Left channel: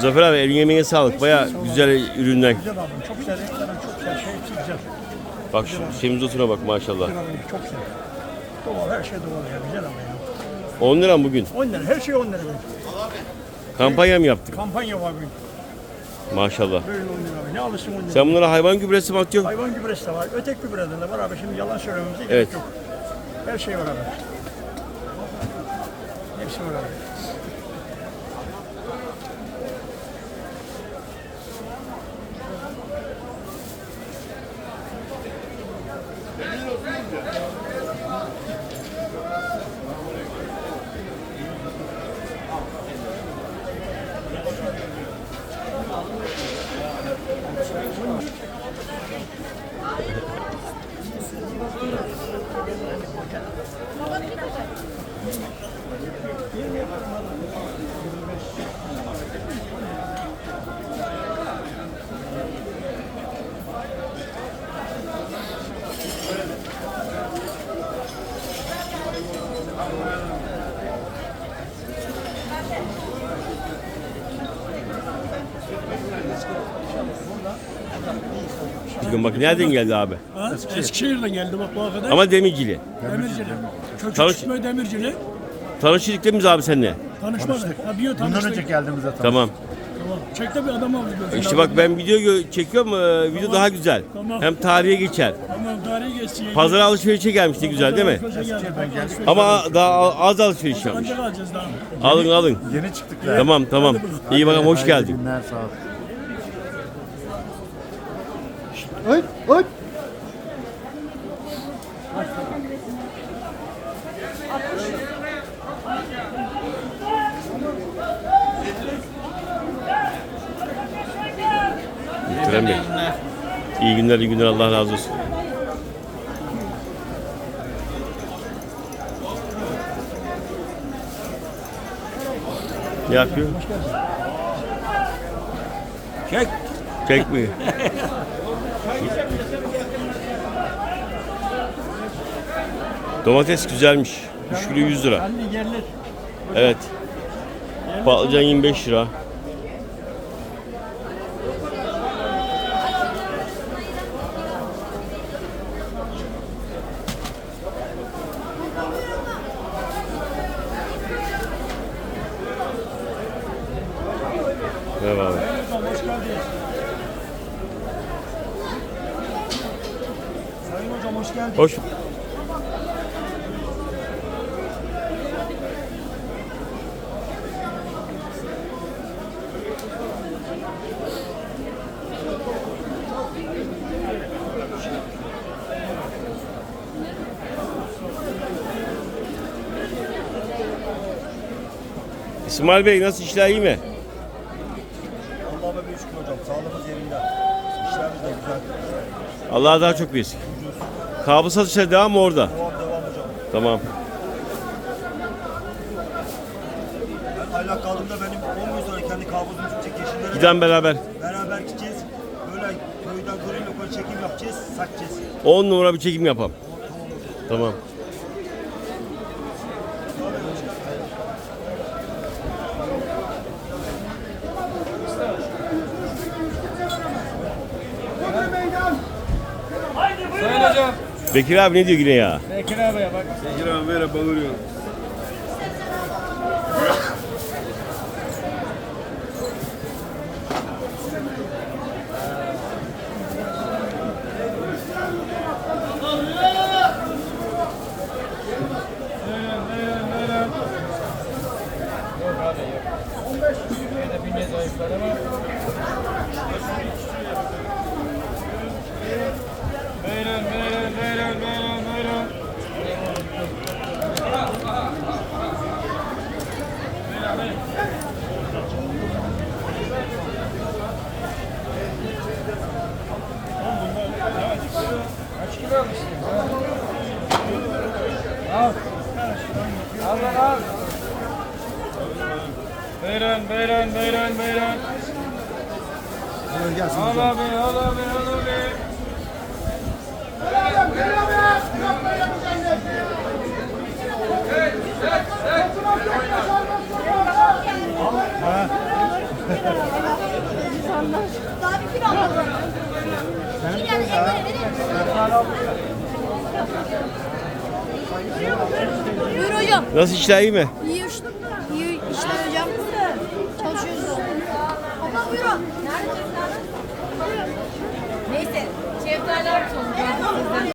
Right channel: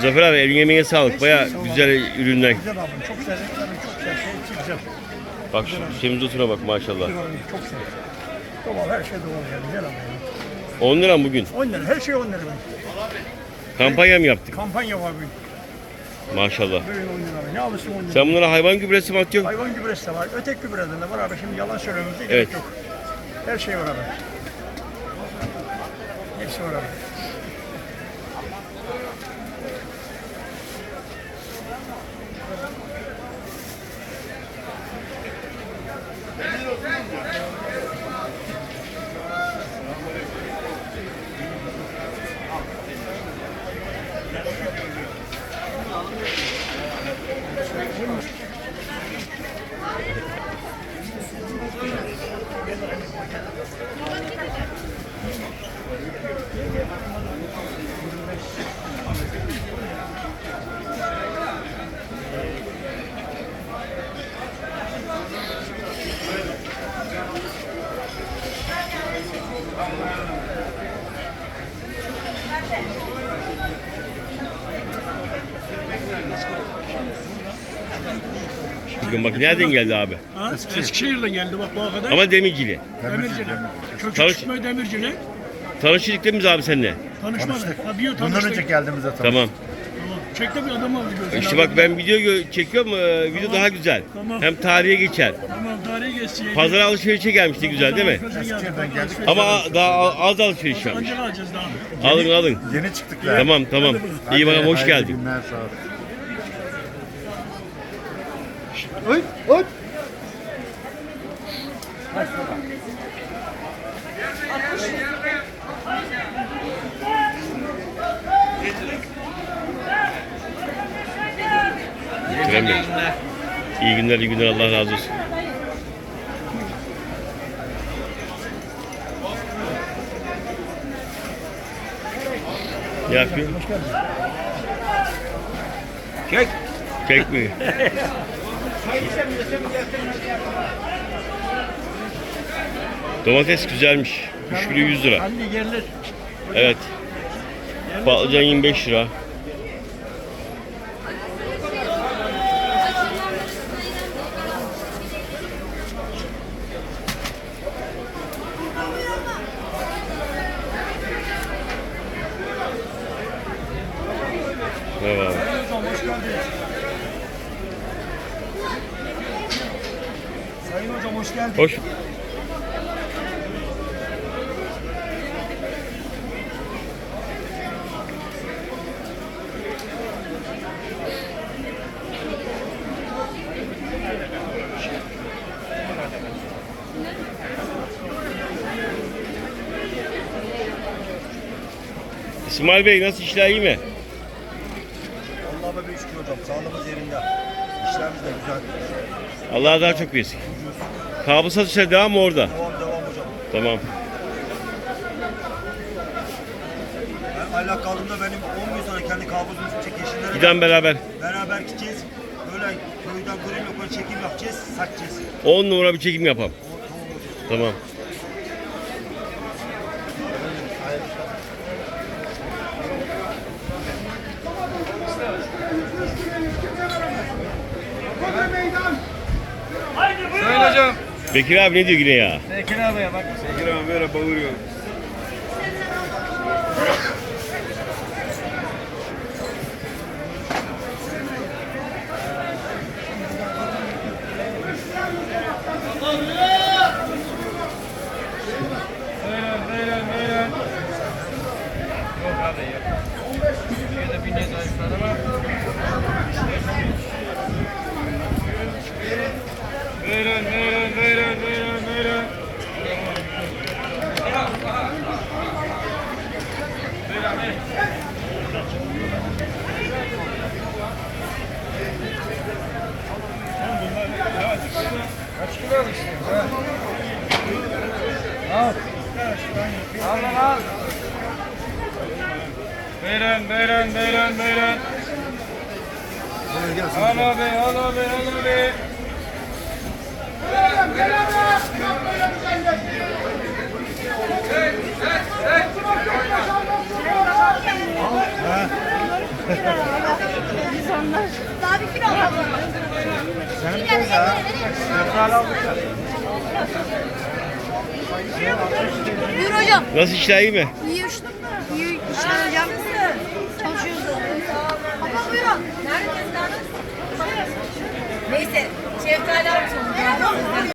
Zafer abi elin yemeğine sağlık. Baya güzel ürünler. Güzel abim çok güzel renklerin çok güzel şey hepsi güzel. Bak şu semizotuna bak maşallah. Güzel abim çok güzel. Doğal her şey doğal yani güzel abim. 10 lira mı bugün? 10 lira her şey 10 lira böyle. Kampanya mı yaptık? Kampanya var bugün. Maşallah. Böyle 10 lira. Ne alırsın 10 lira. Sen bunlara hayvan gübresi mi atıyorsun? Hayvan gübresi de var. Ötek gübreden de var abi. Şimdi yalan söylememize gerek Evet. yok. Her şey var abi. Hepsi var abi. Bugün bak nereden geldi abi? Ha? Eskişehir'den geldi bak bu kadar. Ama Demircili. Demircili. Çocuk Tanış- demircili. Tanıştık değil mi abi seninle? Tanışma. Ha, bir yıl Bundan tanıştık. önce geldiğimizde tanıştık. Tamam. Tamam. Çekte bir adam aldı. İşte bak ben video çekiyorum. e, Video daha güzel. Tamam. Hem tarihe geçer. Tamam tarihi geçsin. Pazara alışverişe gelmişti güzel değil mi? Eskişehir'den geldik. Ama daha az alışveriş yapmış. Alın alın. Yeni çıktık ya. Tamam tamam. İyi bakalım hoş geldin. günler, sağ ol. Bey. İyi günler, iyi günler. Allah razı olsun. Ne yapıyor? Çek. Kek mi? Domates güzelmiş. 3 kilo 100 lira. Evet. Patlıcan 25 lira. Merhaba abi. Hocam hoş geldiniz. Sayın hocam hoş geldiniz. Hoş. İsmail Bey nasıl işler iyi mi? Allah'a bir şükür hocam. Sağlığımız yerinde. İşlerimiz de güzel. Allah daha çok versin. Kablo satışları devam mı orada? Devam devam hocam. Tamam. Ben aylak kaldığımda benim 10 gün sonra kendi kabuzumu çek yeşillere Giden beraber. beraber gideceğiz. Böyle köyden kırım yok çekim yapacağız. Satacağız. 10 numara bir çekim yapalım. Tamam. Sayın hocam. Bekir abi ne diyor yine ya? Bekir abiye bak. Bekir abi böyle bağırıyor. Buyurun, Al. Al al. Buyurun, buyurun, buyurun, buyurun. Al abi, al abi, al abi. Buyur hocam. Nasıl işler iyi mi? İyi işler. İyi işler hocam.